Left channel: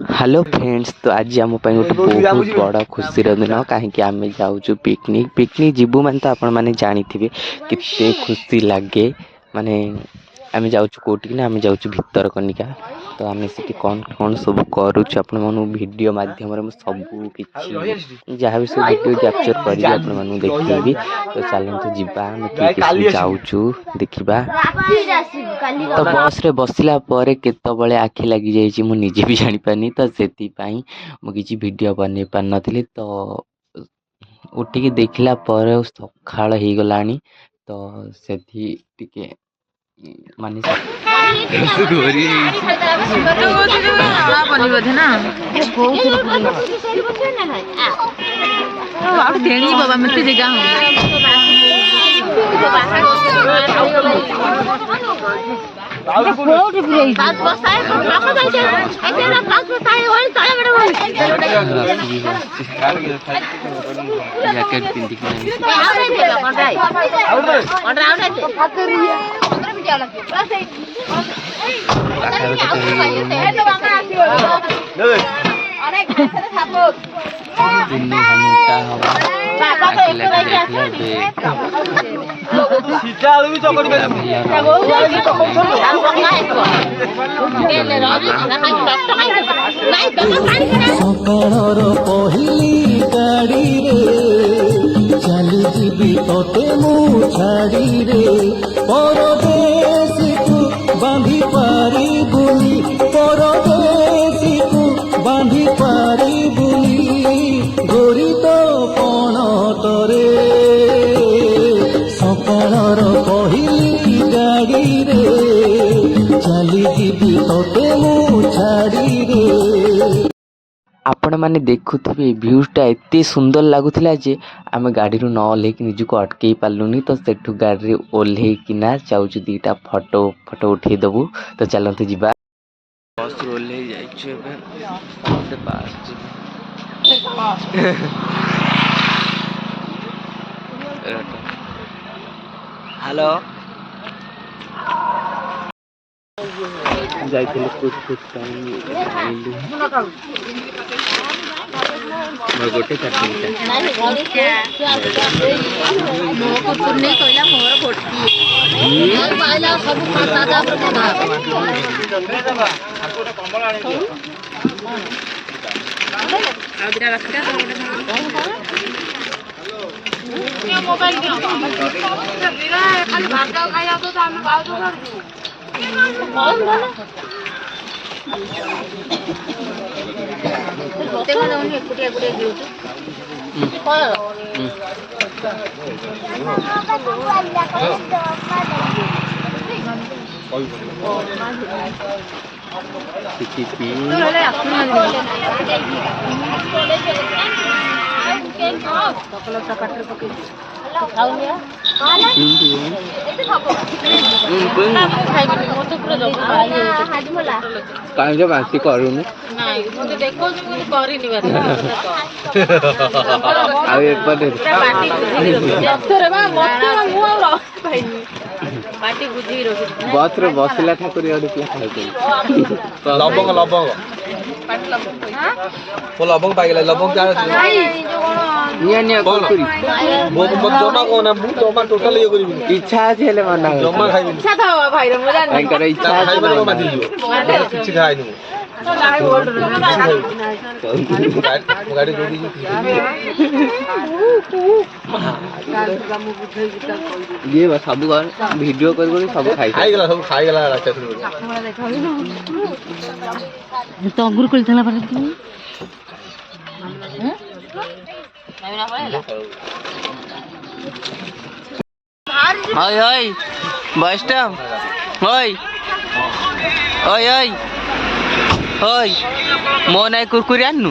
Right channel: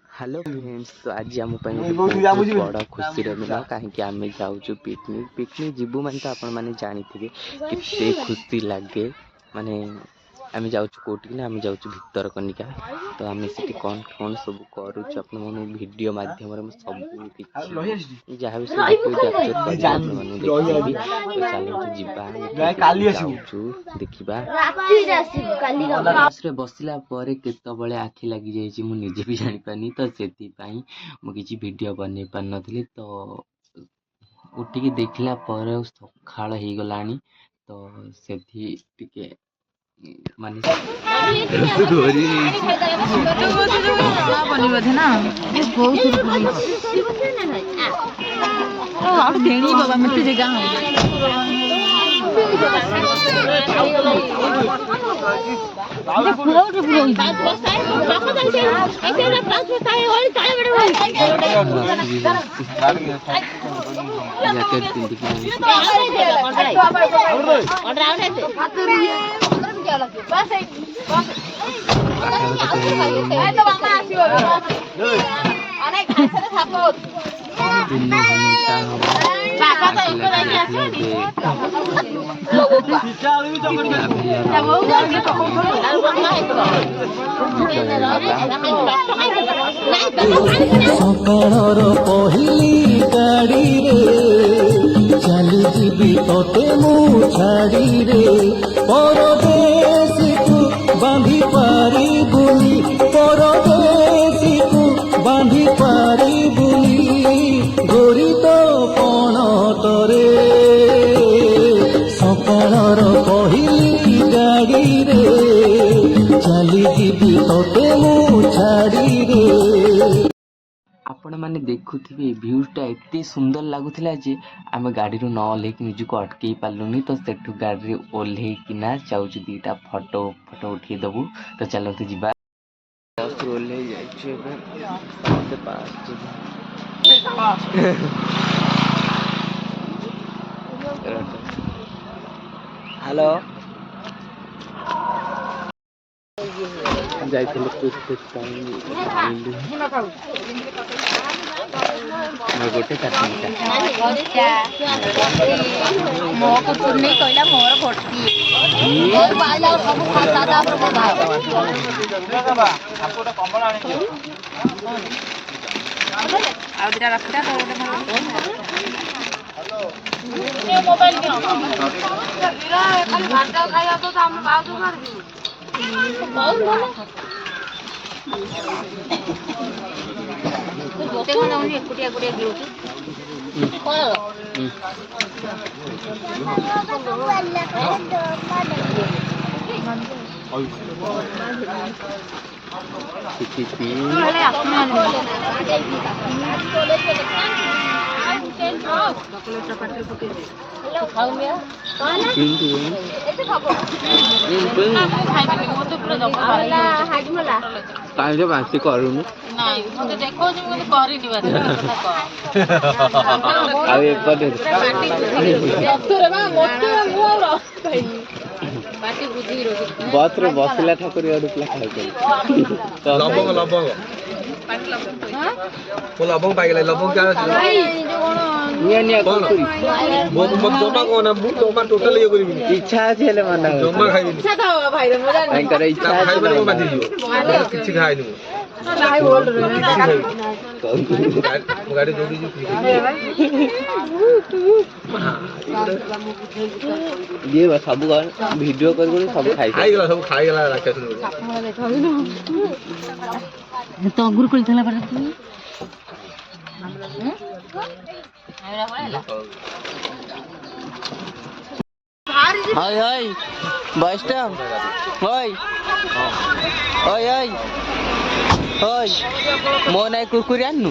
Hello friends, तो आज आम गोटे बहुत बड़ा खुशी दिन कहीं आम जाऊँ पिकनिक पिकनिक जीवु मैंने तो आपण मैंने जानी कितने खुशी लगे माने आम जाऊँ कौटी ना आम जाऊँ भितरकनिका। तो आम से कौन कौन सब करुच्छे आपण वीडियो माध्यम सब किसी जहाँ भी सब वीडियो कैप्चर कर देखी। तो चलते जीवा जाऊँ देखा। तो बस रे बसला पर केतबले आखि लगी जाइए मु निजे भी जानी पानी। तो से मुझे वीडियो बन पार नी। तो उठिकी देखला पर सकाळ हो गलानी। तो से माने जैकेट सकाळर पहिली गाड़ी रे चली जीवी तोते मु छाड़ी रे परदेसी को बांधी पारी बुनी परदेसी को बांधी पारी बुनी गोरी तो पण तरे सकाळर पहिली गाड़ी रे चली जीवी तोते मु छाड़ी रे। आपण मैंने देखुवे भ्यूटा एत सुंदर लगुला जे आम गाड़ी न ओह्लैक निजक अटकई पार्लुनि। तो सेठू गाड़ी ओह्लैकिना जाऊँ दीटा फोटो फोटो उठे दबू। तो चलते जीवा बस ओह्लै हेलो जाइए कुछ गोटे बासी करूनी बस रे बसला ठाकुर लबंग लबंग लबंग पाइला लबंग क्या निया निया कौन करी जमा कोना मु जमा टोटल ये करी इच्छा আছে হেলে মানা জমা খাইবি ইচ্ছা দাও ভাই রে মজা নাই করে ইচ্ছা খাইবে না মাদি দিও কিছু খাই নি নাই ওল্ড রে গাড়ি দৌড়ি जी ये बस सब वीडियो कर सब खाई गेला सब खाई गेला रास्ता से हमरा देखाबी तो अंगूर कोल थला पर हाय हाय बस्टम हाय हाय हाय हाय मो नाई कुरकुरी आन्नु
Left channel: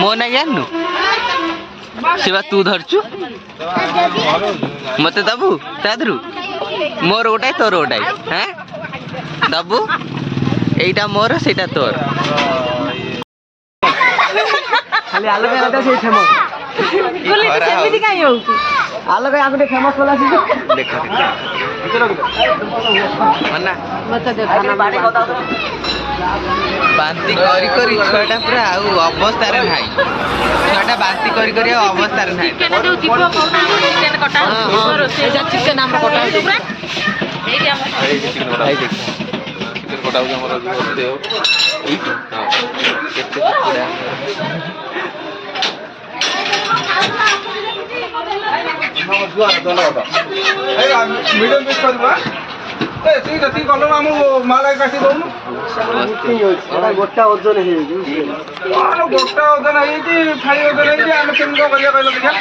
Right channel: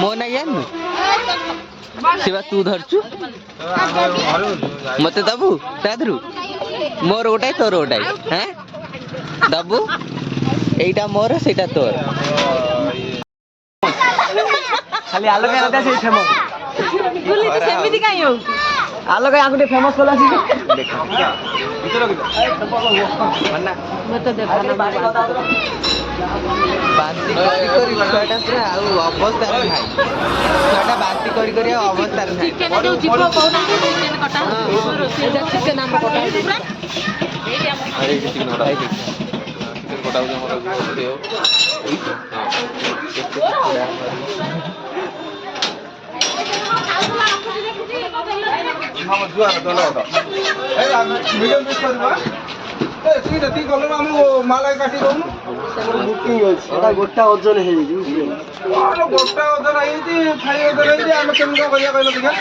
मो नाई आन्नु शिवा तू धरचु मते दबु तादरु मोर गोटाई तोर गोटाई हाँ दबु एटा मोर सेटा तोर खाली आलोक राजा से फेमस गुली तो सेमिति काई हो आलोक आगुटे फेमस होला छी देखा देखा मन्ना मत देखा ना ବାନ୍ତି କରି କରି ଛୁଆଟା ପୁରା ଆଉ ଅବସ୍ଥାରେ ନାହିଁ। ଛୁଆଟା ବାନ୍ତି କରି କରି ଆଉ ଅବସ୍ଥାରେ ନାହିଁ। ଚିକେନ ଯୋଉ ଯିବ କହୁନାହାନ୍ତି ଚିକେନ କଟା ରୋଷେଇ ଚିକେନ ଆମର କଟା ହଉଛି ପୁରା ଏଇଠି ଆମର କଟା ହଉଛି ଆମର କେତେ କୁକୁଡ଼ା ମିଡ଼ିୟମ ପିସ୍ କରିବା ଏତିକି କଲୁ ଆମକୁ ମାଲ କାଟି ଦଉନୁ ଗୋଟା ଓଜନ ହେଇଯାଇଛି ଗୋଟା ଓଜନ ହେଇଯାଇଛି ଫାଳି ଓଜନ ହେଇଛି ଆମେ କେମିତି କଣ କରିବା କହିଲ ଦେଖିଆ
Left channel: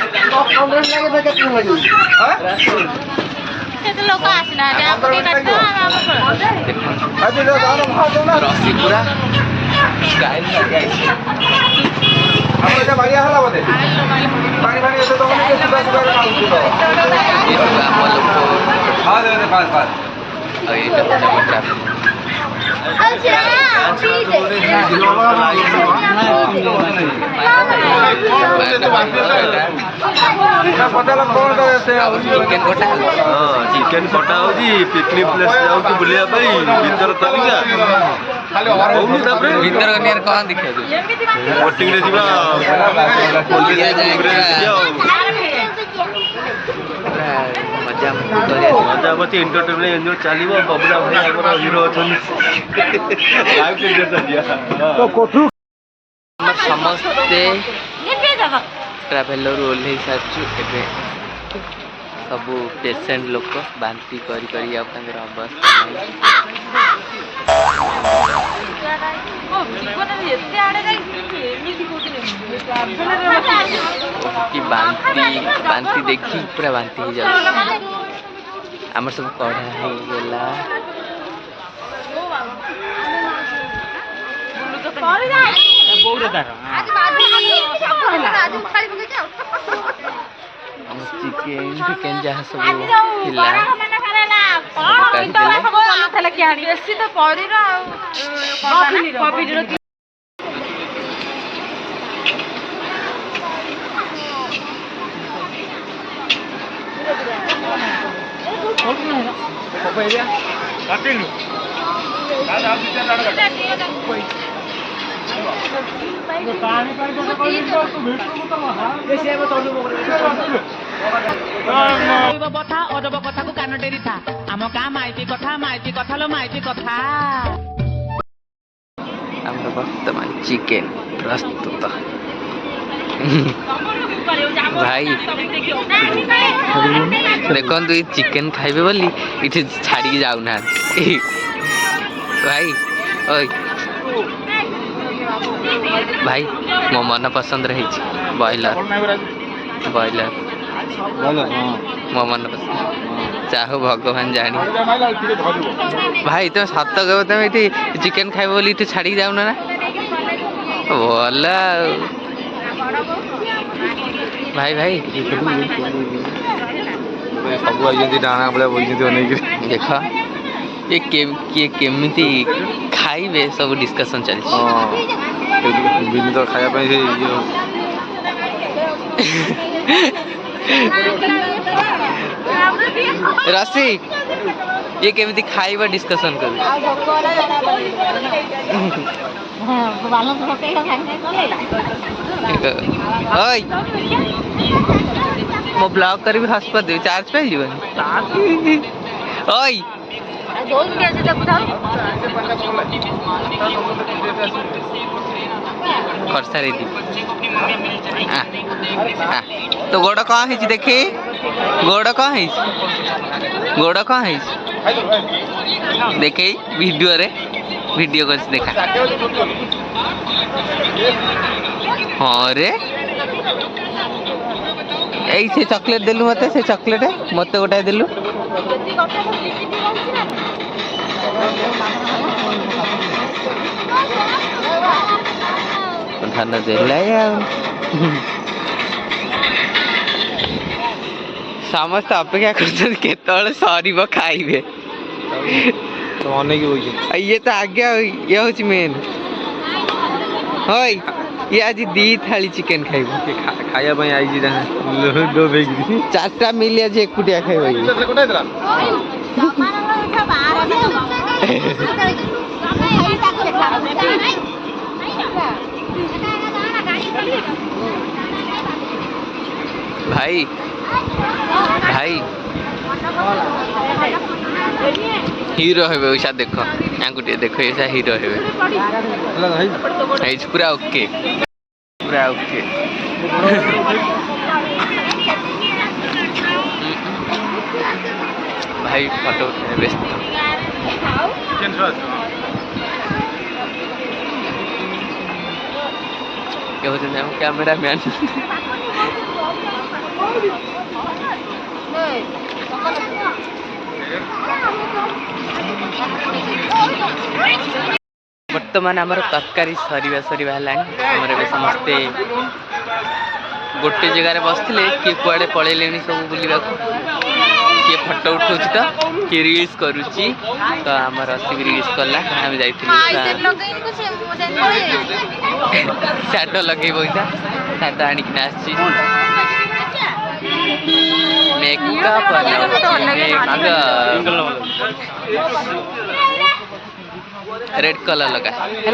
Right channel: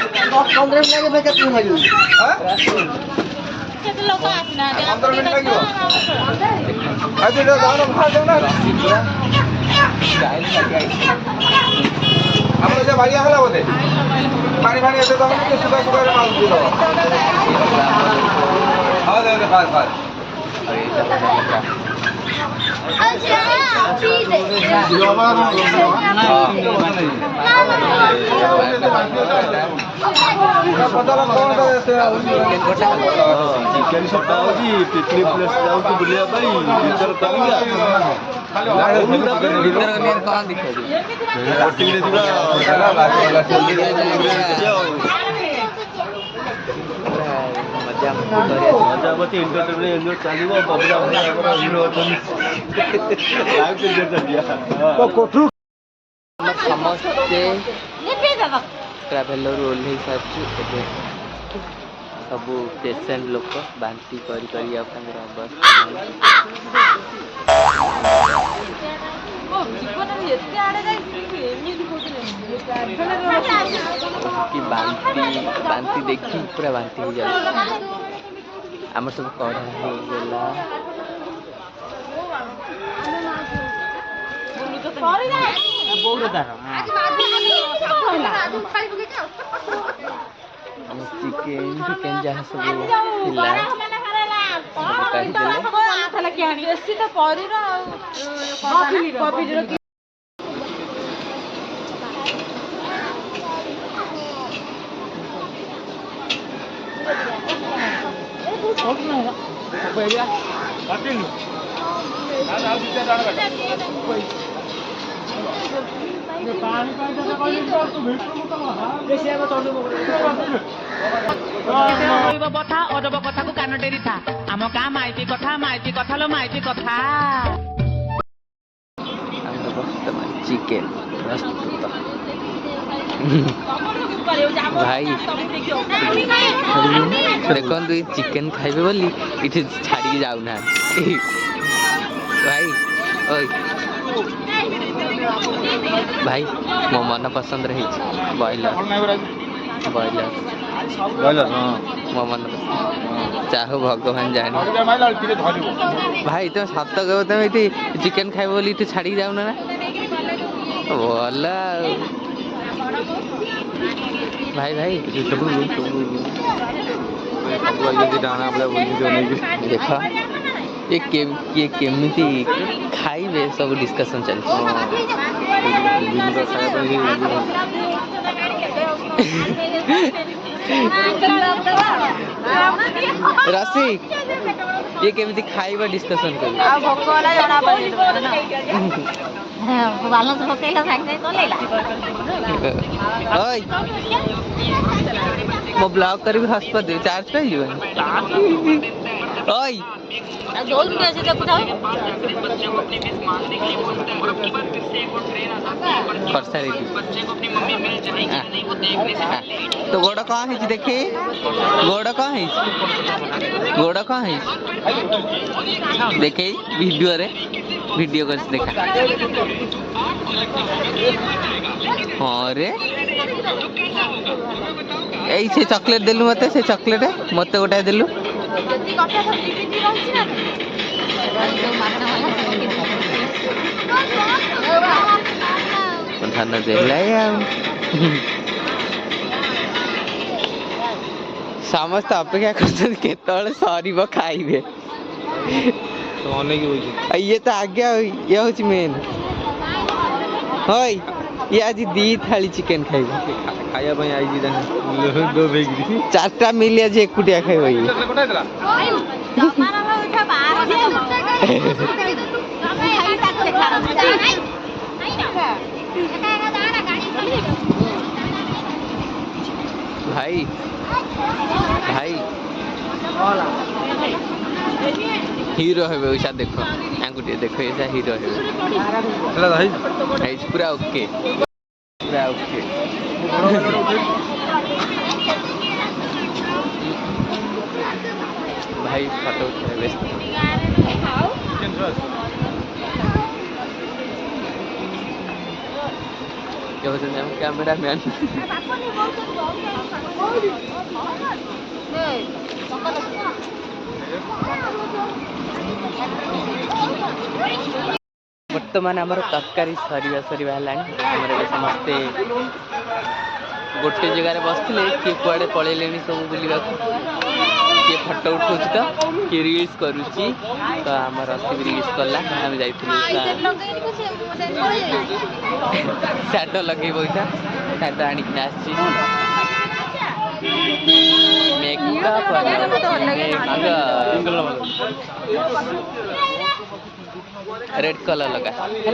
କେତେ ଲୋକ ଆସିନାହାନ୍ତି ଆମକୁ ଟିକେ କାଟିଦେବା ରସି ପୁରା ଷ୍ଟାଇଲ ଲାଗିଯାଇଛି। ବାଡ଼ିଆ ହେଲା ବୋଧେ ପାଣି ଫାଣି ଏତେ ତମ ସୁଧା ସୁଧାରେ ମାରୁଥିବ ଆମ ଲୋକ ହଁ ଦେ ଫାସ୍ ଫାସ୍ ଆଉ ଏଇଟା ହଉଛି ଆମ ଟ୍ରାଫିକ୍। ଚିକେନ କଟା ଚିକେନ କଟା ହଉଛି ପିକନିକ ପ୍ଲେସ ଯାଉଛି ବୁଲିବା ପାଇଁ ଭିତର କନିକା ଭିତର କନିଆରେ କଣ ଦେଖିବାକୁ ବୋଟିଂରେ ଯିବା ପୁରା ମଜାମସ୍ତି କରିବା। ମଜା ମସ୍ତି ଏଣ୍ଟରଟେନମେଣ୍ଟ ଏନ୍ଜୟ ଚାଲିବ। ବବୁଲା ଭାଇ ଆମର ହିରୋ ଅଛନ୍ତି। ଲାଇଭ ଟିକେଟ ଆମର ସମସ୍ତେ ଟ୍ରାଭେଲରୁ ଓହ୍ଲେଇ ସାରିଛୁ। ଏବେ ସବୁ ପେସେଣ୍ଟ ଲୋକ ବାନ୍ତି କରି କରି ଆଉ ତାଙ୍କର ଅବସ୍ଥା ନାହିଁ। କି ବାନ୍ତି ଦେଖି ପୁରା ବାନ୍ତି ହେଇଯାଉଛି। ଆମର ସବୁ କଢ଼ା ହେଇଗଲା। ଚିକେନ ଯାହା ସବୁ ଥିଲା ବେଶୀ ତ ପରୀର ଆଉ କଥା ଅଜବ କଥାକୁ କାନ ଡେରିଥା ଆମ ଗାଁ ମାଇତି କଥା लो ମାଇତି କଥା। ଆମର ବର୍ତ୍ତମାନ ଚିକେନ ପ୍ରସ୍ତୁତ। ଭାଇ ଦେଖନ୍ତୁ ଏଇ ଚିକେନ ଖାଇବେ ବୋଲି ଏଠି ଛାଡ଼ିକି ଯାଉନାହାନ୍ତି। ଭାଇ ଓଇ ଭାଇ ମୋ ମନ ପସନ୍ଦର ହେଇଛି ବ୍ରଏଲର ମୋ ମନ ପସନ୍ଦ। ଚାହୁ ଭଗବାନ ଜାଣି। ଭାଇ ତମେ ସତ କହିବ ତମେ ଏଠି ଚିକେନ ଖାଇବ ବୋଲି ଏଠି ଛାଡ଼ିକି ଯାଉନ ନା? ଭଲ ଆଉ ଭାଇ ସବୁ ଆଇଛନ୍ତି ଡାଣା ଭଳିଆ ବଇଛନ୍ତି ଅନେଇକି। ଦେଖ କିଏ କେମିତି ଖାଇବେ ସବୁ ଡିସ୍କସନ୍ ଚାଲିଛି। ବିନିତ ଖାଇବା ପାଇଁ ସେ ରସି ଇଏ କେମିତି ଖାଇବା ଡିସ୍କସନ୍ କରିବେ। ଓଇ ମୁଁ ବ୍ଲଗ କରିବି ହସ୍ପଟ ଦେବି ଚାର୍ଜ ପାଇଯିବନି। ଓଇ तो गोड़ कौन है देखी गोड़ कौन है देखे वीडियो कर देखा। हाँ रे यही से चॉकलेट देलु मते से चॉकलेट मते गोटाए देलु। धान देला समस्त अपेक्षा कर सर खाइबे ये तो आज्ञा ये हूँ मेन हई ये आज दी थाली चिकेन खाइब खाଇବା आई चार्टा मिल आज एकुटिया खाइब भाई भाई हीरो हेबे ओइसा देखो आंगुटे देखो ऐसा हीरो हेबे पूरा ओके पूरा ओके भाई फोटो उठे व्यस्त क्या होते हैं कैमरा मैन बर्तमान आमर तरकारी सरीवा सरीवा है समस्ते गोटे जगार बसते किए कुआड़े पलैले सब बुलवा किए फटो उठाऊ तो किए रिल्स करुच्ची तो आमर असी रिल्स कला आम जा साट लगे पैसा साट आणिकिना आसी मेकअप रेड कलर लगा है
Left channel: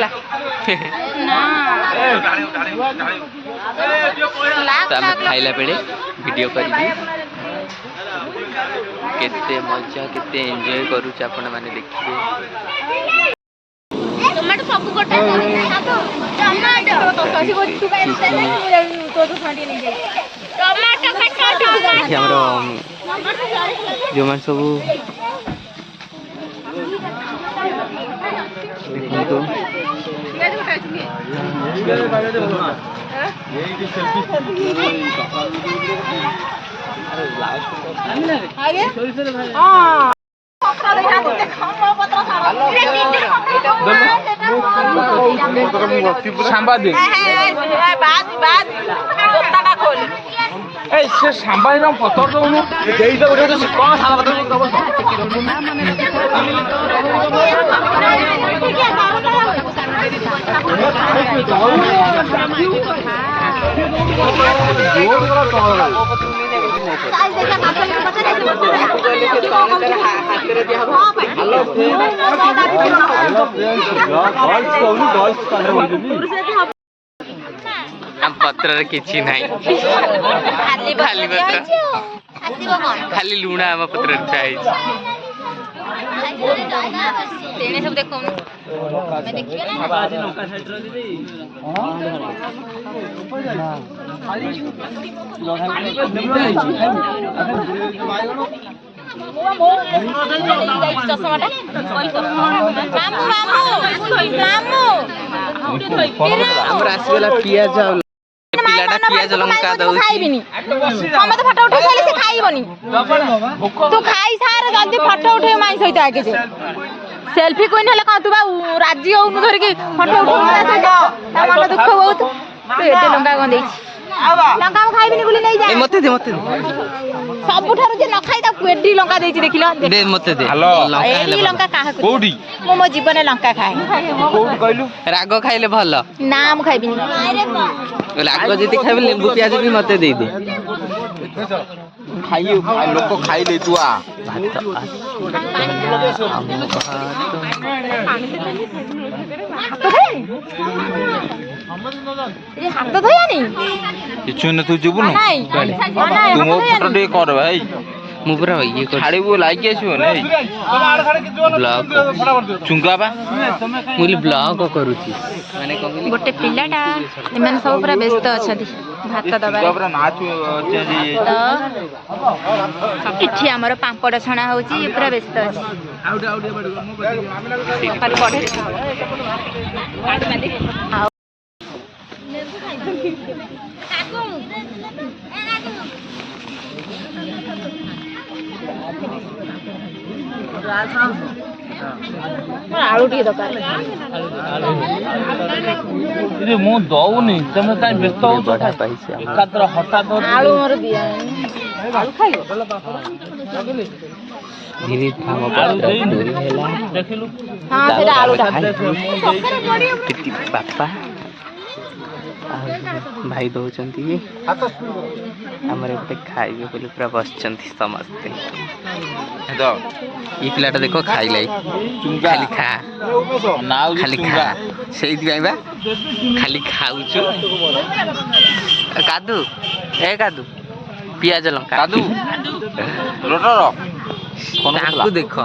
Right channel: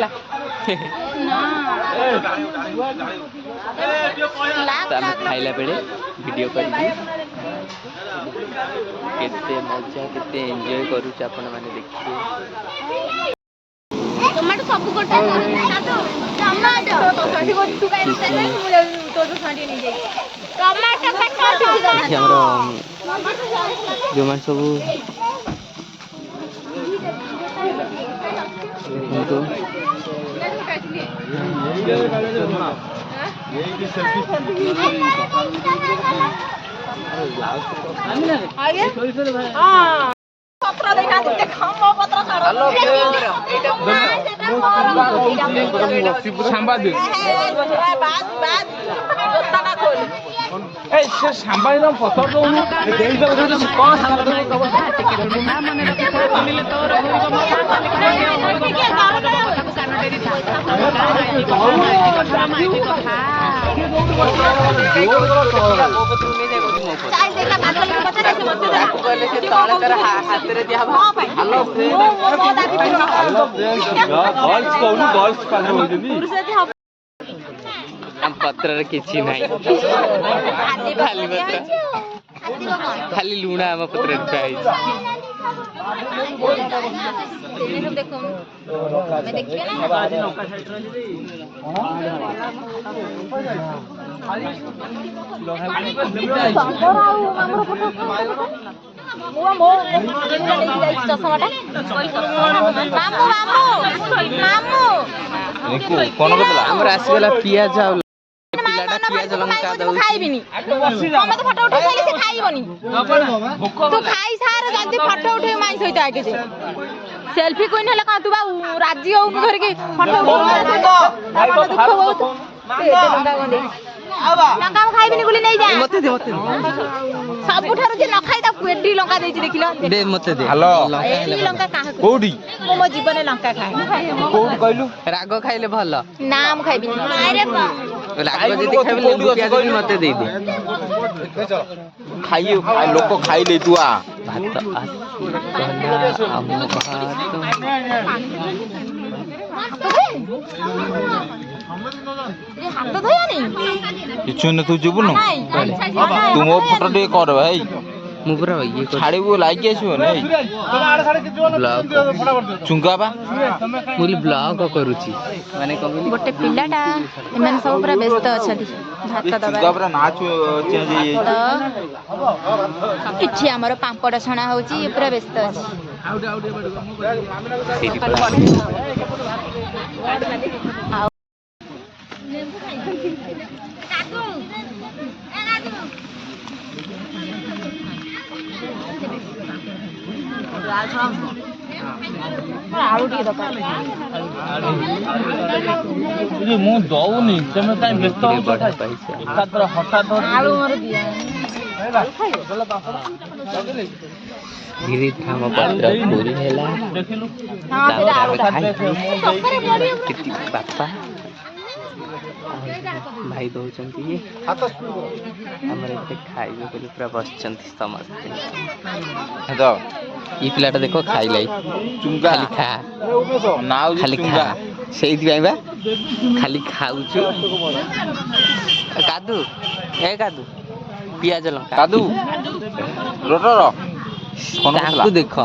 तो आम खाइला बेले वीडियो करी केते मजा केते एंजॉय करूच आपण माने देखिए टमाटो सब गोटा हमर जो मान सब देखो पत्र किसी नहीं खाली पत्र खाली लुणा आम पत्र सब देखो आसगला पियाज पिलाटा पियाज लंका दउची समते फोटो उठे खाली से खाइबनी तू खाई सार जल्दी फोटो उठे माई सहित आके जे सेल्फी कोइन हेले का तू बा राजी हो धर के फोटो उठे दुख बहुत तू एते लंका कोन देई लंका खाइबनी गुली नहीं जा मते दे सब उठार जे न खाई ता पेडी लंका देई देखिला दे मते दे लंका हेले लंका काहा कोडी मो जीवन लंका खाए कोड कहलु राग खाइले भल नाम खाइबनी अरे बा राग जदी खाइबे लेबू पियाज भी मते दे दे खाइयो लोक खाइ ले तुआ भात आम भात हाथ धोयानी किछु न तू जबु न तू मो फोटो दे कर भाई मु पूरा ये कर छाड़ी वो लाइक आछो नै ब्लॉग चुंगा बा मुली ब्लॉग करूची माने कहली गोटे पिलाटा एମାନେ सब पूरा व्यस्त अछथि भात दबारे पूरा नाच चेंज तो इठी हमर पापड़ छणा होची पूरा व्यस्त अछि आलू टी दरकार रे मो दउनी तमे काई व्यस्त हो बड़ा पैसे एकात्र हठात आलू मोर दिया धीरे धाम पत्र पूरी हैला तापर आमे खाइ बापा भाई दौरान आमर एपटे खाइबे बोले पूरा बसचंती समस्ते ये पिलाटा देखो खाइलाई खाली खा खाली खा से खाली खाऊचु कादू ए कादू पियाज लंका कादू ताकू देख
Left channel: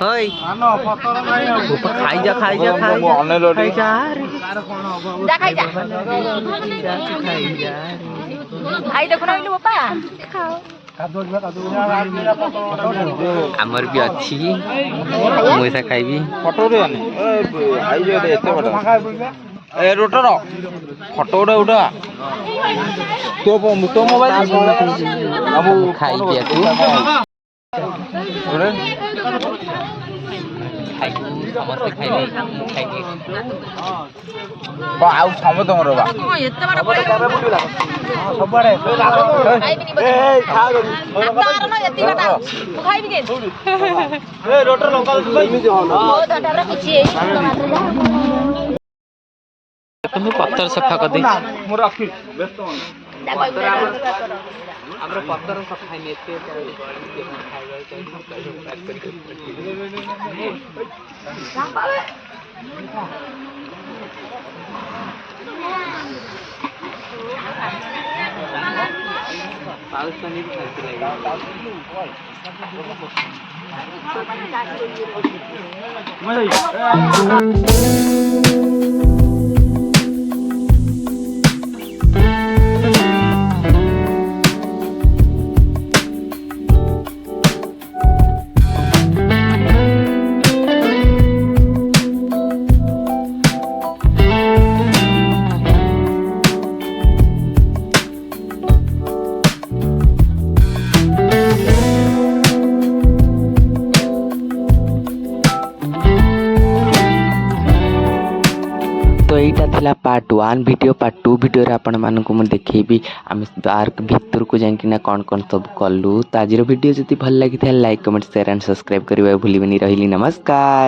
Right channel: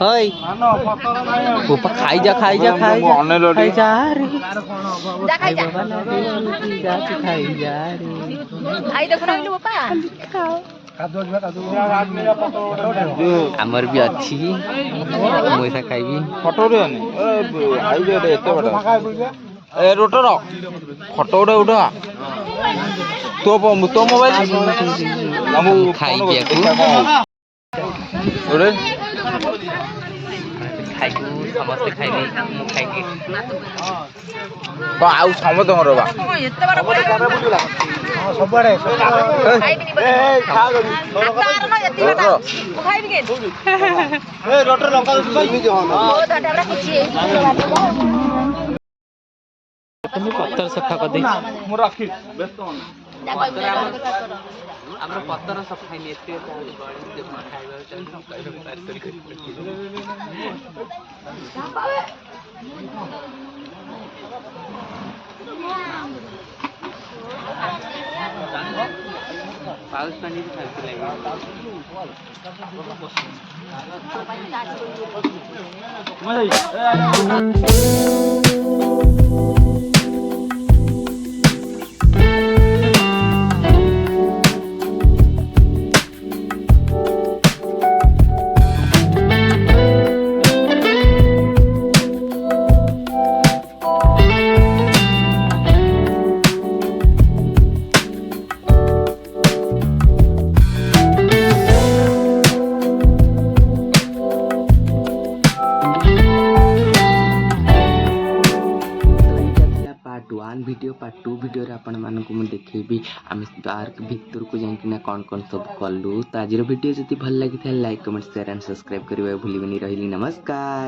हई खाई जा खाई जा खाई जा रे जा खाई जा खाई जा रे भाई देखो ना इलु बापा आमर भी अच्छी मुझे खाइबी ए रोटर फटो उड़ा तो मोबाइल खाई पियाकू खाइबू समस्ते खाइबे मु खाइबी आउ समत रे बा एते बड़ खाइबिनी बोले तार न एती बटा मु खाइबी के ए रोटर लंका इमी जो न ओ दाटा बड़ा कुछ तुम्हें पत्थर सफा कर दे मु रखी व्यस्त हो हमरो पत्थर सफा नहीं एते पाकिस्तानी भी खाती लगी पार्ट 1 वीडियो पार्ट 2 वीडियो रे आपण मानकु म देखैबी आम पार्क भीतर को जाइकिना कौन कौन सब कलु तो आज वीडियो जति भल लगी था like comment share and subscribe करबा भूलिबनी रहिली नमस्कार।